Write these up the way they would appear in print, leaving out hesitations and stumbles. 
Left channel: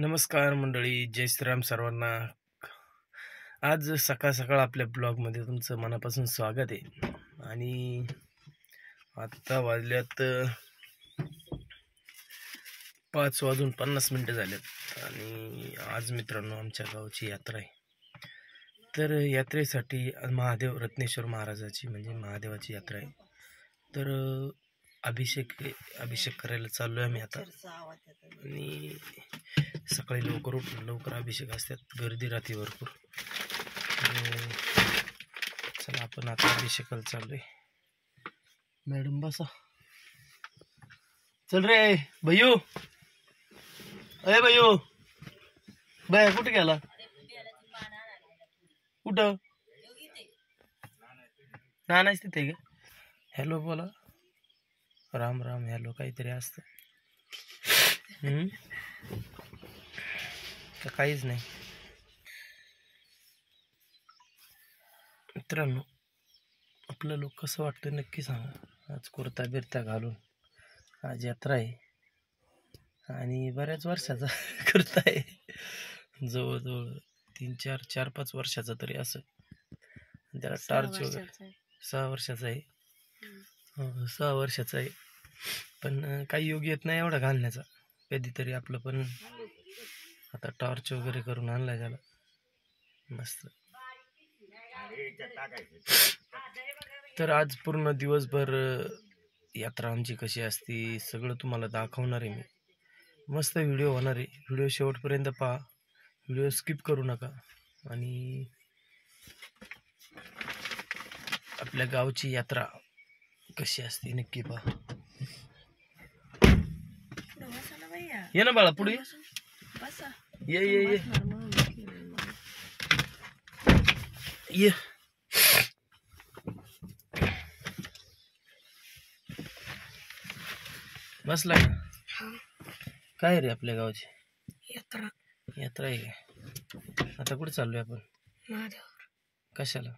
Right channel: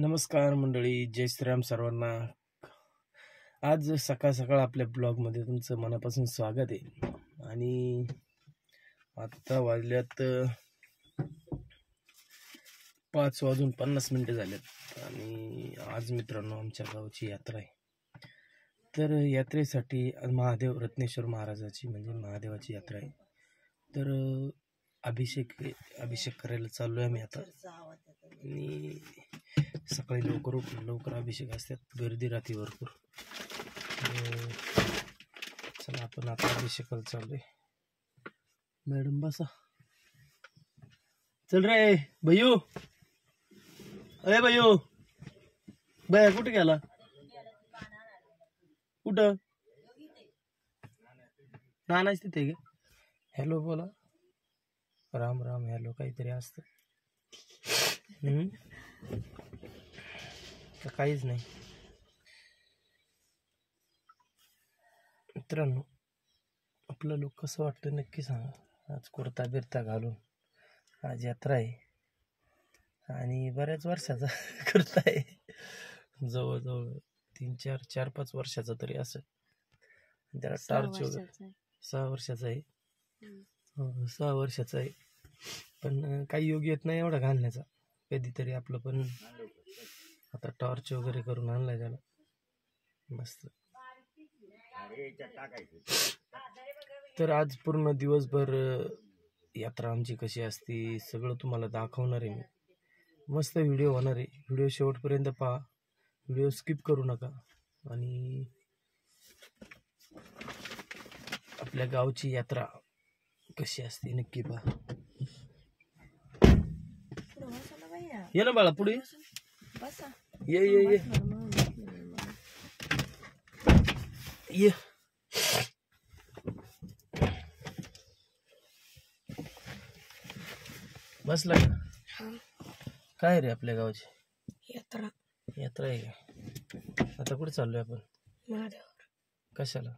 नमस्कार मंडळी, जय श्रीराम सर्वांना. आज सकाळ सकाळ आपल्या ब्लॉगमध्ये तुमचं मनापासून स्वागत आहे. आणि आत्ता वाजल्यात 5:50 झालेत आणि आज मित्रांनो आमच्या गावची यात्रा आहे. तर यात्रेसाठी महादेव रत्नेश्वर महाराजाची म्हणजे महादेवाची यात्रा आहे. तर अभिषेक करायला चाललोय आम्ही आता. आणि सकाळी लवकर अभिषेक असतात, गर्दी राहते भरपूर. चला आपण आता अभिषेकाला चाललोय. मॅडम बसा. चल रे भैयू, अरे भैयू, बाया कुठे गेला? कुठं? नानाच तिथे गे. हॅलो बोला. राम राम. हॅलो काहीतरी असतं का काहीच नाही. मित्रांनो आपलं लोक कसं वाटतं नक्की सांगा. आज कुर्ता बिरता घालून आज यात्रा आहे आणि बऱ्याच वर्षाचा कुर्ता आहे, जवळजवळ 4-5 वर्षाचा तरी असं. त्याला टार्च वगैरे 6 वर्षाचा आहे. 6 वर्षाचा आहे, पण काही योग येत नाही एवढा घालण्याचा. कधीतरी आपलं पण आता टॉर्च वगैरे करून आणलाय त्याला मस्त. तर आज पूर्ण दिवसभर यात्रा आमची कशी असती सगळं तुम्हाला दाखवणार आहे मी. मस्त व्हिडिओ होणार आहे. व्हिडिओ शेवटपर्यंत पहा, व्हिडिओ स्किप करू नका. आणि आपल्या गावची यात्रा कशी असते नक्की पहा. ये ना बाळा पुढे ये ये ये ये. बसला काय रे आपल्या गावची यात्रा आहे काय? आता कुठे चाललोय आपण? महादेवावर. कशाला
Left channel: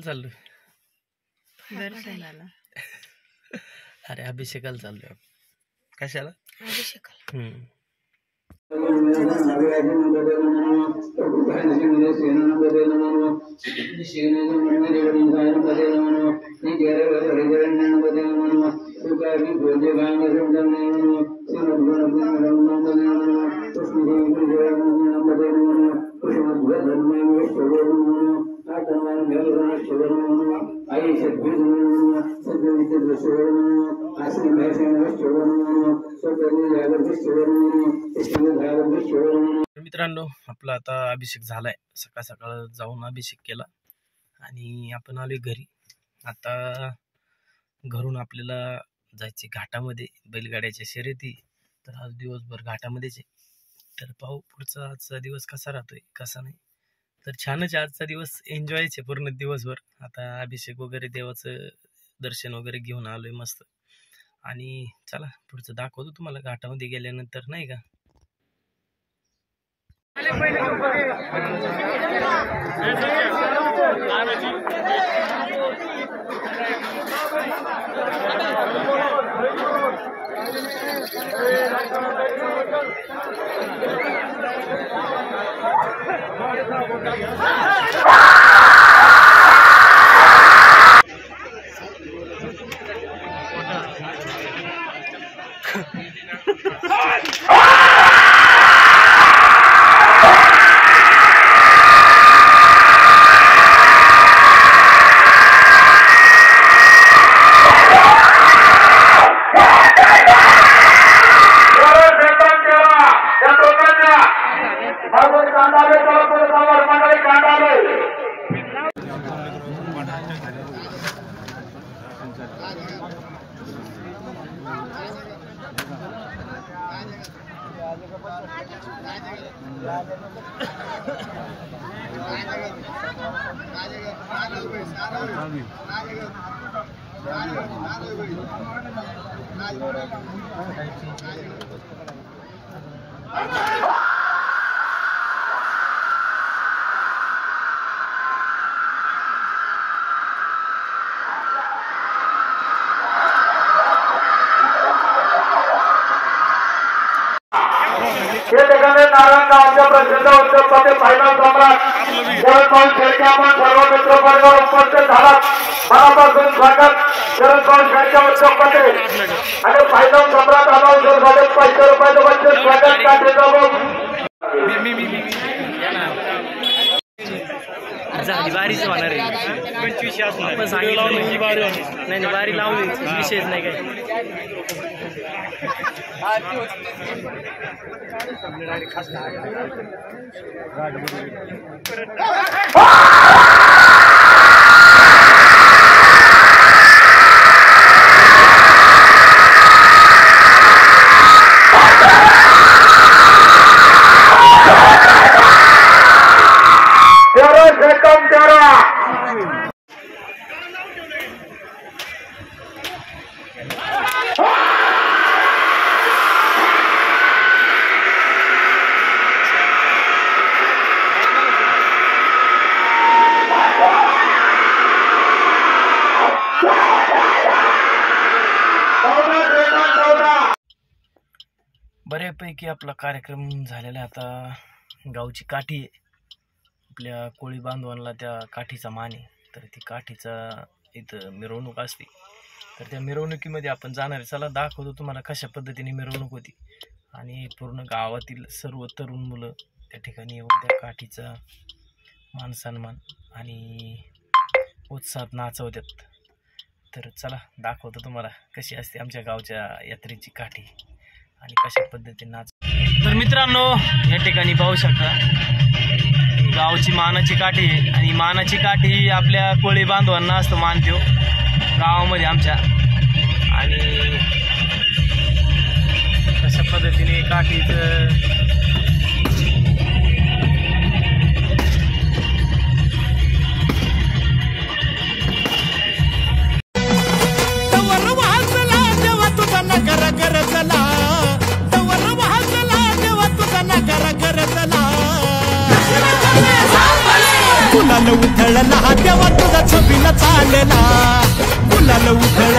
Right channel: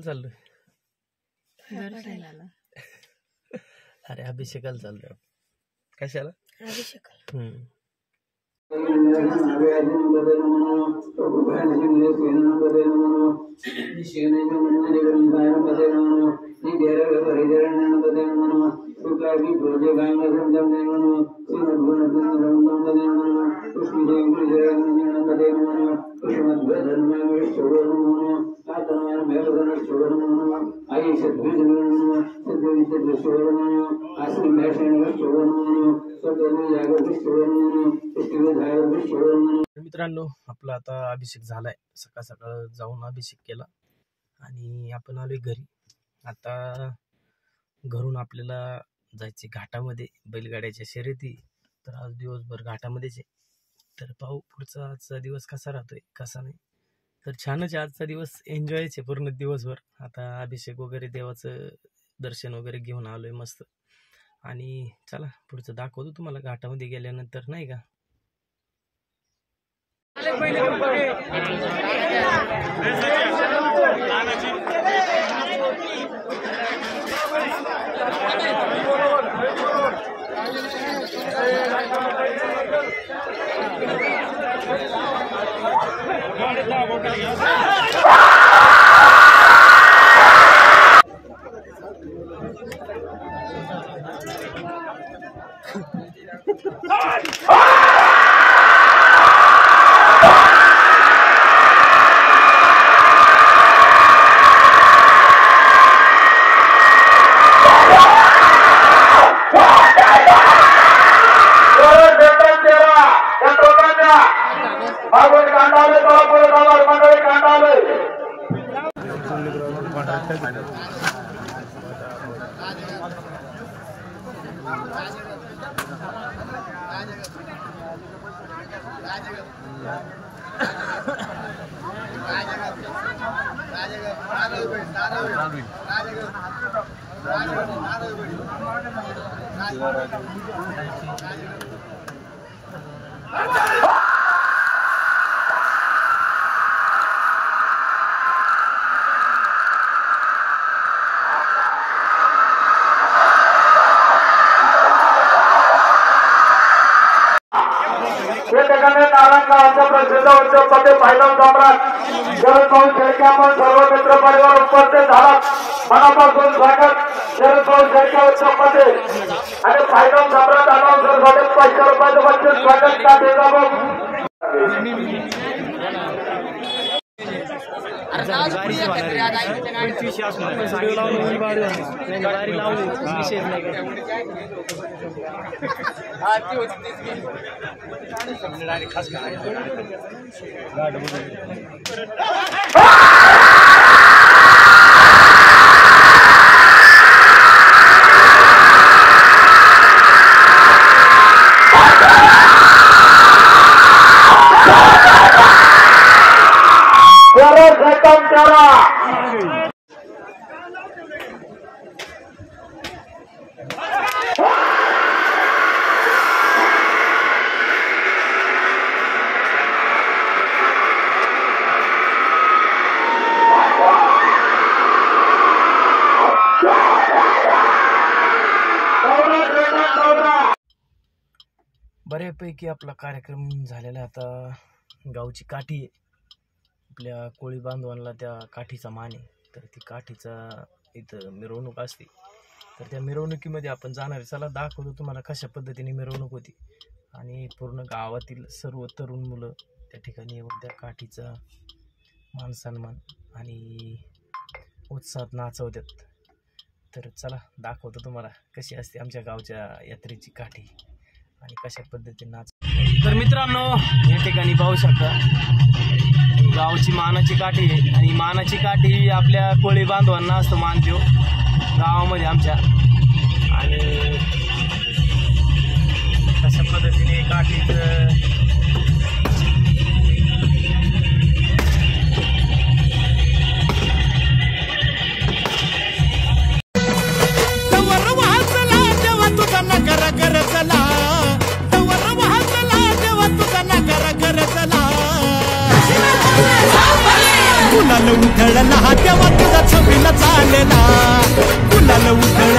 चाललोय? अरे अभिषेकाला चाललोय. कशाला अभिषेकाला? मित्रांनो आपला आता अभिषेक झालाय. सकाळ सकाळ जाऊन अभिषेक केला आणि आपण आलोय घरी. आता घरून आपल्याला जायचे घाटामध्ये बैलगाड्याच्या शर्यती. तर आज दिवसभर घाटामध्येच आहे. तर पाहू पुढचा आजचा दिवस कसा राहतोय कसा नाही. तर छानच आजचा दिवस एन्जॉयच आहे पूर्ण दिवसभर. आता अभिषेक वगैरे देवाचं दर्शन वगैरे घेऊन आलोय मस्त. आणि चला पुढचं दाखवतो तुम्हाला घाटामध्ये गेल्यानंतर नाही का. निमित्ताने नारायणगावच्या प्रसिद्ध उद्योगपती फायनल सम्राट शरद शेळके आपण सर्व मित्र परिवार उपस्थित झाला मनापासून स्वागत शरद शेळके उद्योगपती आणि फायनल सम्राट अनाउन्सर साठी 500 रुपयाचं बक्षीस स्वागत झाली बारीच होणार आहे आपण सांगितलं नाही ना बारी लावली विषयच नाही काय बऱ्यापैकी आपला कार्यक्रम झालेला. आता गावची काठी आहे आपल्या कोळी बांधवांना, त्या काठीचा मान आहे. तर ती काठीचा इथं मिरवणूक असते. तर त्या मिरवणुकीमध्ये आपण जाणार आहे. चला दाखवतो तुम्हाला कशा पद्धतीने मिरवणूक होती. आणि पूर्ण गावातील सर्व तरुण मुलं त्या ठिकाणी येऊन त्या काठीचा मान सन्मान आणि उत्साहात नाचवतात. तर चला दाखवतो तुम्हाला कशी असते आमच्या गावच्या यात्रेची काठी आणि कशा पद्धतीने नाच. तर मित्रांनो या ठिकाणी पाहू शकता गावची मानाची काठी आहे. आणि मानाची काठी आपल्या कोळी बांधवांना असतो मान देऊ गावामध्ये आमच्या. आणि कशा पद्धतीने काठीचं गुलाल उधळला तेव्हा तुझा छबीला चालला गुलाल उधळ.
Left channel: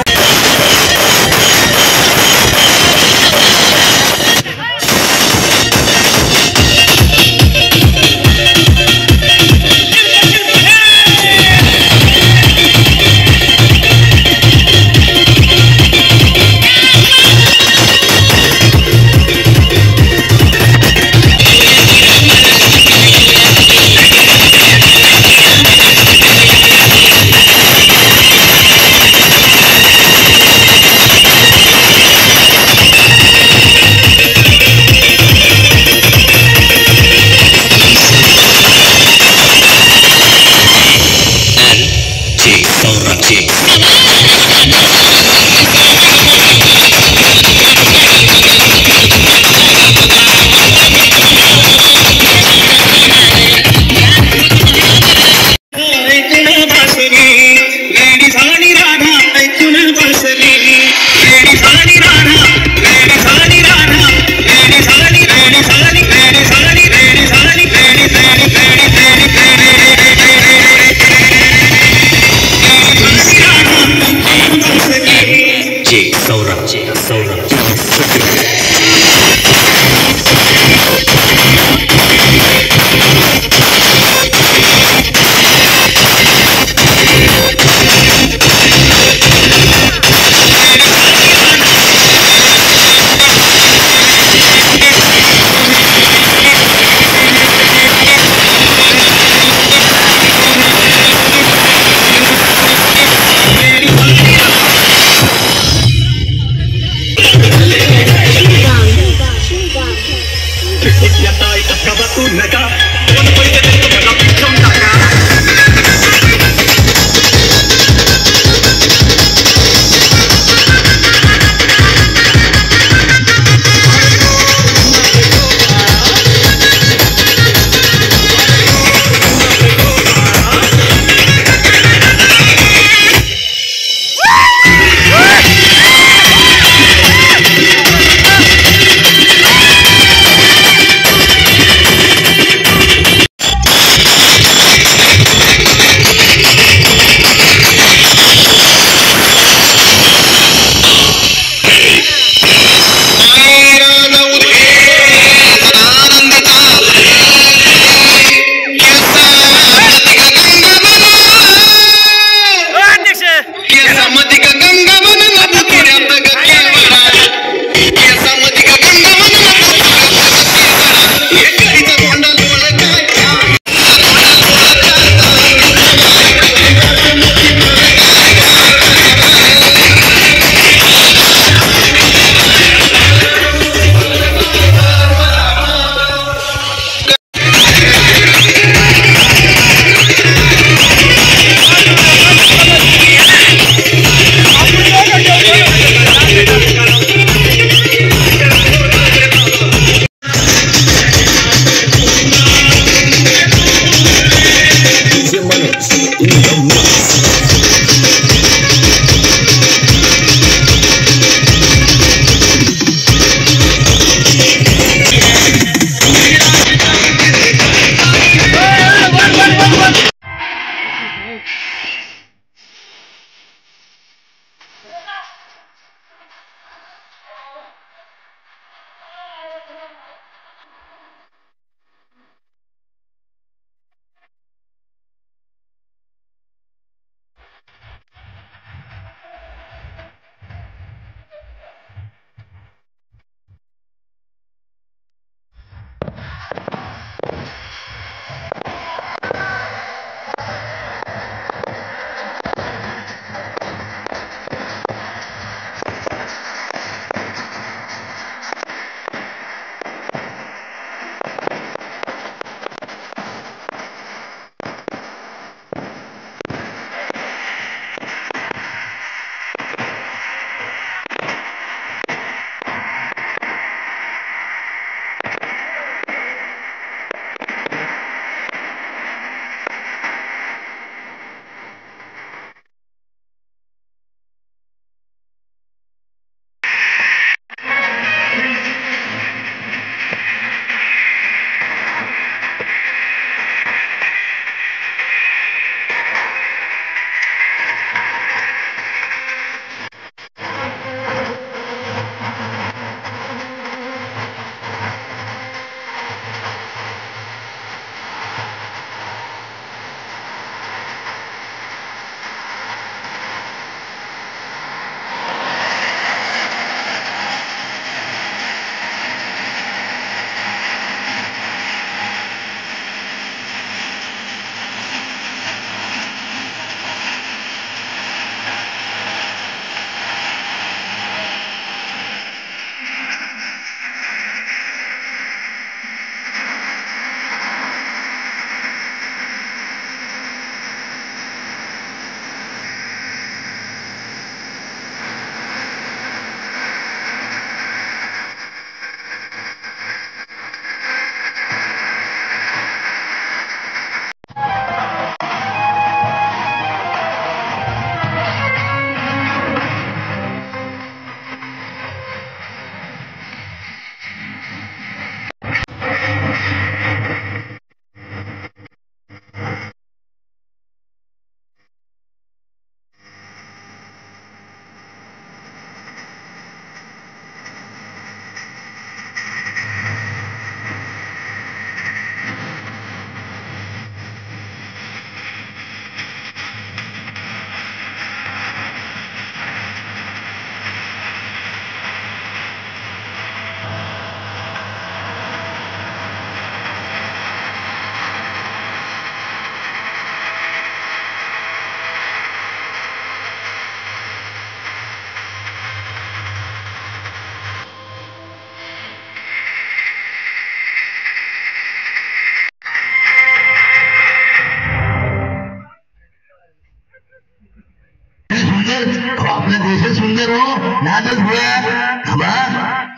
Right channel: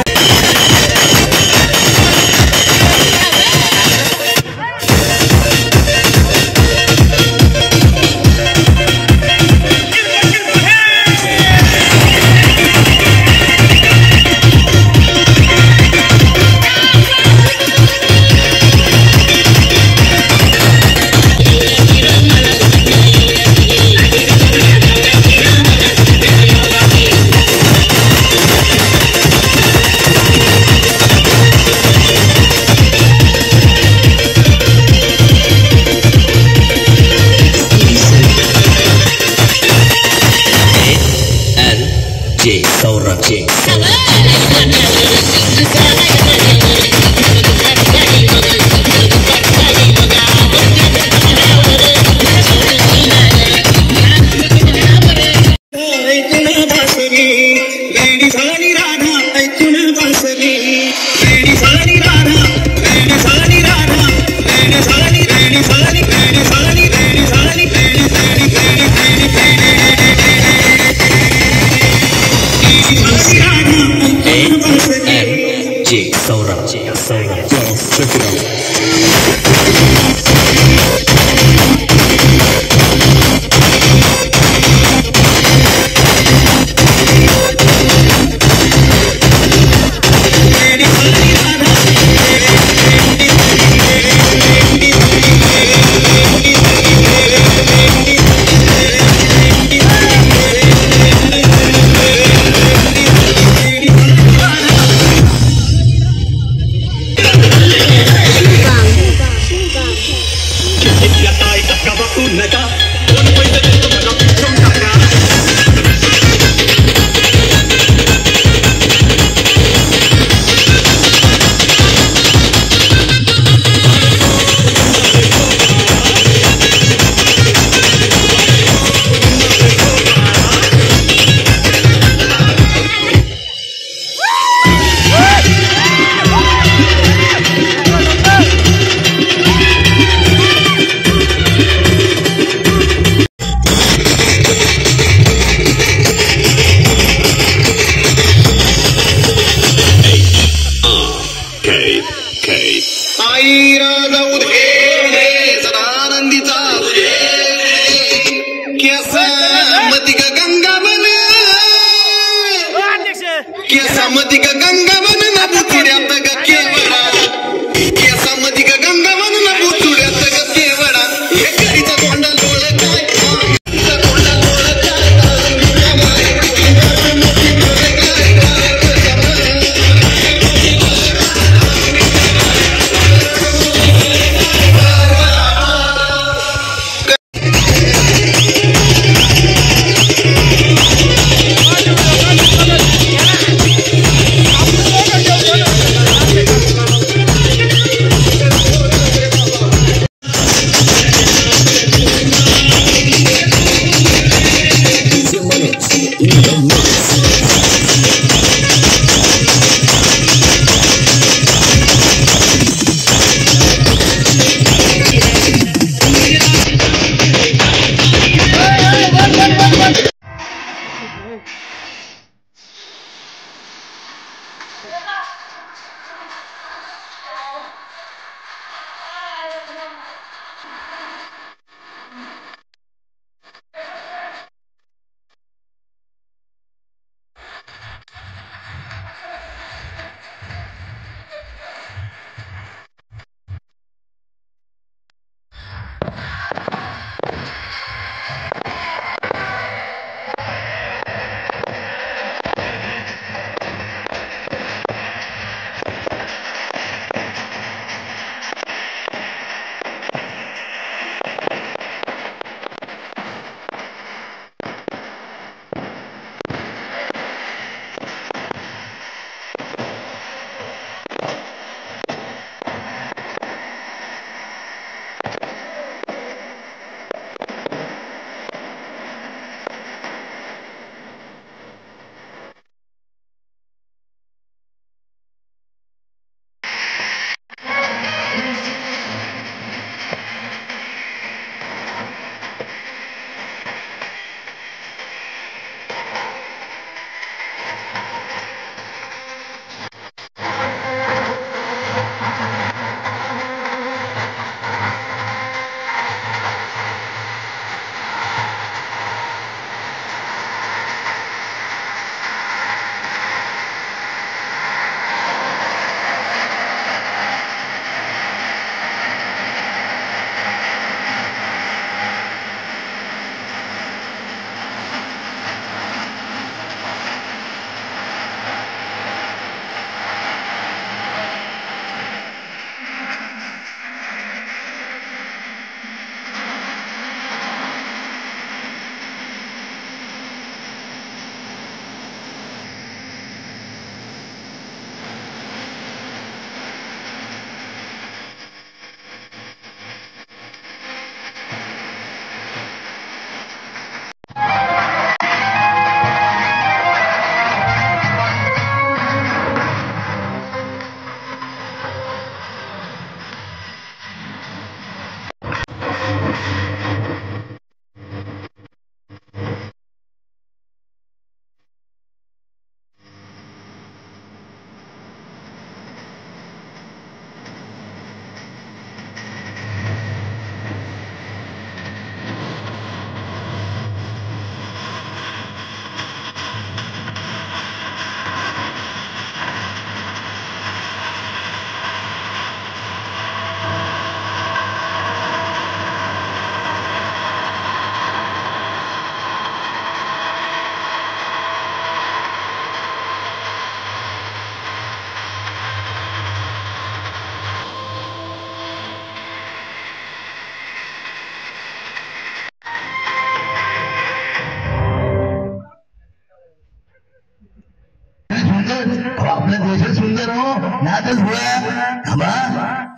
आपला देश सुंदर हो नातच बा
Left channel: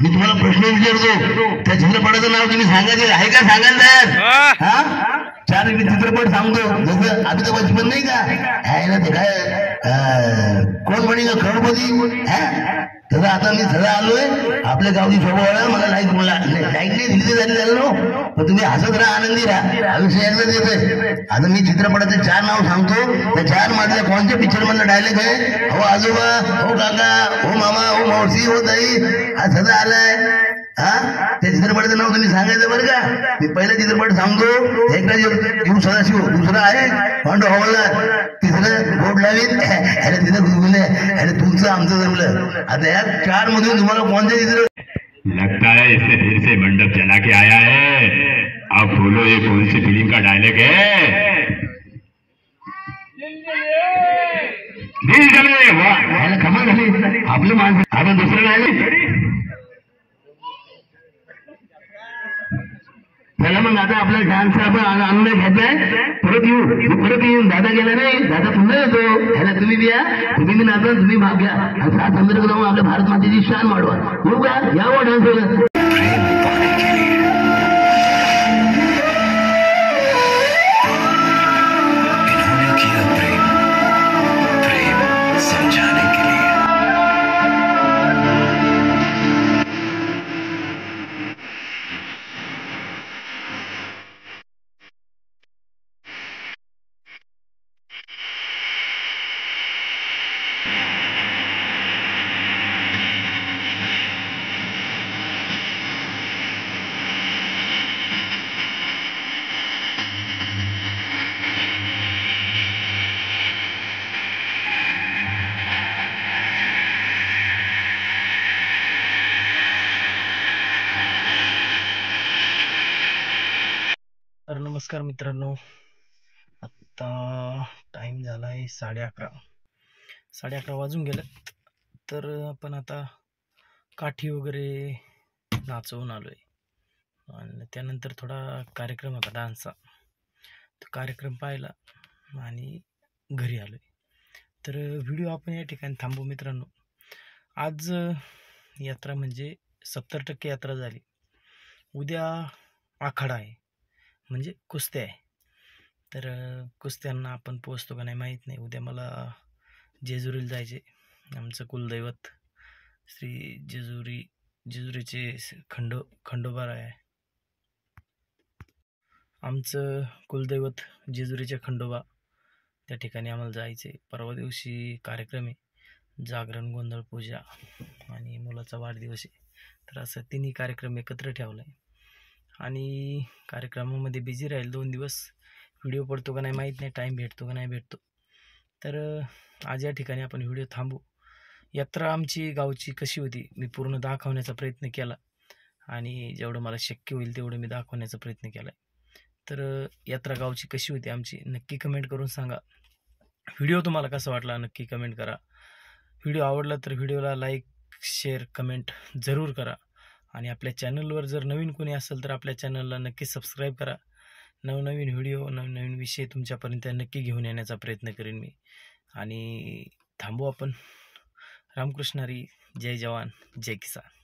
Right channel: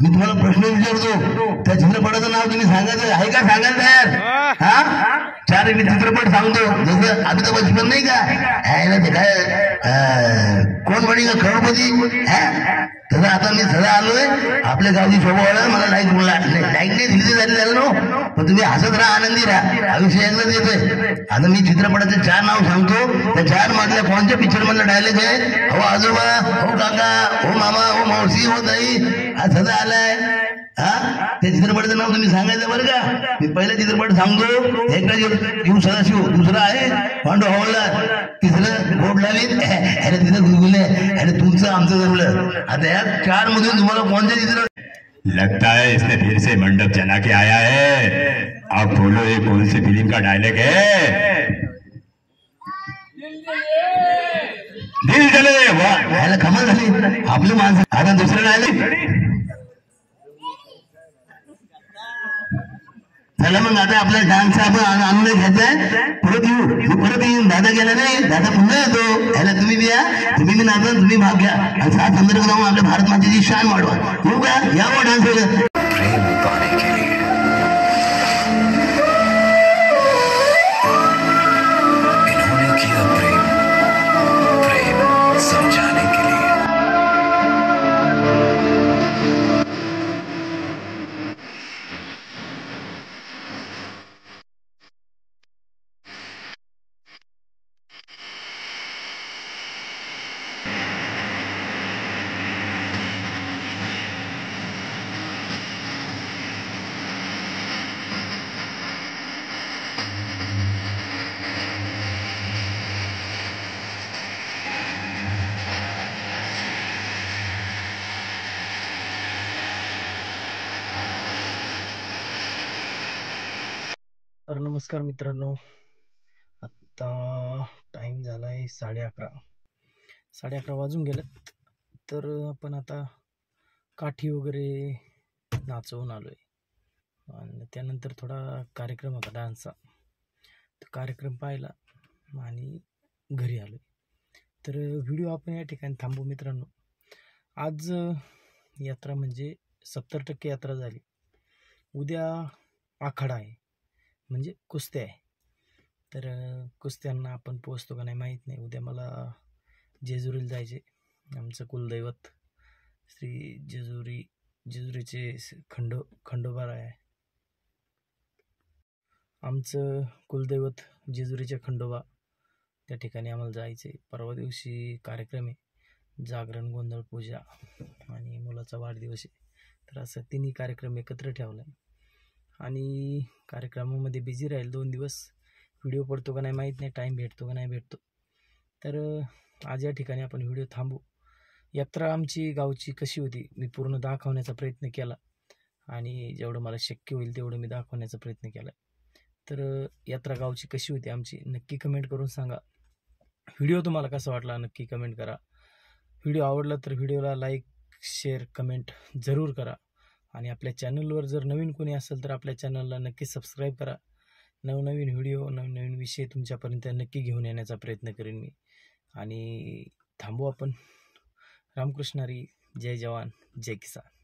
मी तुम्हाला प्रश्न विचारतो त्या चित्रपटाचं नाव तुम्ही सांगायचं आहे का सांगायला तयार हा चार मी चित्रपट सांगतो जसं अमिताभ बच्चन नाही का आहे ते काय कोण म्हणे का करोडपती तसं आता मी सगळं आलोय आपल्या गावची शोभा वाढा मला लाईक नाही दिली झाली झालं नो पण तुम्ही हसत राहा आनंदी राहा आयुष्य एकदाच येतोय आता मी चित्रपटाचे 4 नाव सांगतो त्या 4 मधल्या कोणत्या पिक्चर मधला डायलॉग आहे हो आजोबा हो काका हो मामा हो मावशी हो ताई हा सदा आलाय त्या चित्रपटाचं नाव तुम्ही सांगायचं बरं का मी पहिला चित्रपट सांगतो एकटा येऊ सदाशिव दुसरा आहे पांडू हवालदार तिसरं बोर्ड लावीत अरे तिथं गुलगुले अरे तुमचं आमचं जमलं आता या 4 मधून तुम्हाला कोणतं चित्र लगता है इसने फिर से मंडप जला के आया है अब बोलो ये कौन सी फिल्म का डायलॉग है दिल जले वाह कमाल झाली आपली माणसं आता दुसरं डायलॉग चला मग आता आपला डान्स आपण आनंद घ्यायचाय परत येऊन दादा गेला नाही दादा पुन्हा येतो ह्याला तुम्ही बिया तुम्ही बी नाचा तुम्ही भाग घ्या आणि 7 संदर्भ जाऊन आपल्या भारत मातेची शान वाढवा येऊ का यावं डान्स वगैरे नमस्कार मित्रांनो, आत्ता टाईम झाला आहे 11:30 वाजून गेलं. तर आपण आता काठी वगैरे नाचवून आलो आहे आणि त्यानंतर थोडा कार्यक्रम होता डान्सचा, तो कार्यक्रम पाहिला आणि घरी आलो आहे. तर व्हिडिओ आपण या ठिकाणी थांबू मित्रांनो. आज यात्रा म्हणजे 70% यात्रा झाली. उद्या आखाडा आहे म्हणजे कुस्त्या आहे. तर कुस्त्यांना आपण पोचतो का नाही माहीत नाही. उद्या मला जेजुरीला जायचे. आमचं कुलदैवत श्री जेजुरीचे खंडोबा आहे. आमचं कुलदैवत जेजुरीचे खंडोबा, त्या ठिकाणी आम्हाला जायचे. परवा दिवशी कार्यक्रम आहे, जागरण, गोंधळ, पूजा आणि मुलाचा वाढदिवस आहे. तर असं तिन्ही कार्यक्रम एकत्र ठेवला आहे आणि कार्यक्रमामध्ये बिझी राहील 2 दिवस. व्हिडिओ पडतो का नाही माहीत नाही, टाईम भेटतो का नाही भेटतो. तर आज या ठिकाणी आपण व्हिडिओ थांबू. यात्रा आमची गावची कशी होती मी पूर्ण दाखवण्याचा प्रयत्न केला आणि जेवढं मला शक्य होईल तेवढं मी दाखवण्याचा प्रयत्न केला आहे. तर यात्रा गावची कशी होती आमची नक्की कमेंट करून सांगा. व्हिडिओ तुम्हाला कसा वाटला नक्की कमेंट करा. व्हिडिओ आवडला तर व्हिडिओला लाईक, शेअर, कमेंट जरूर करा आणि आपल्या चॅनलवर जर नवीन कोणी असेल तर आपल्या चॅनलला नक्की सबस्क्राईब करा. नवनवीन व्हिडिओ, नवनवीन विषय तुमच्यापर्यंत नक्की घेऊन येण्याचा प्रयत्न करेन मी. आणि थांबू आपण. रामकृष्ण हरी. जय जवान, जय किसान.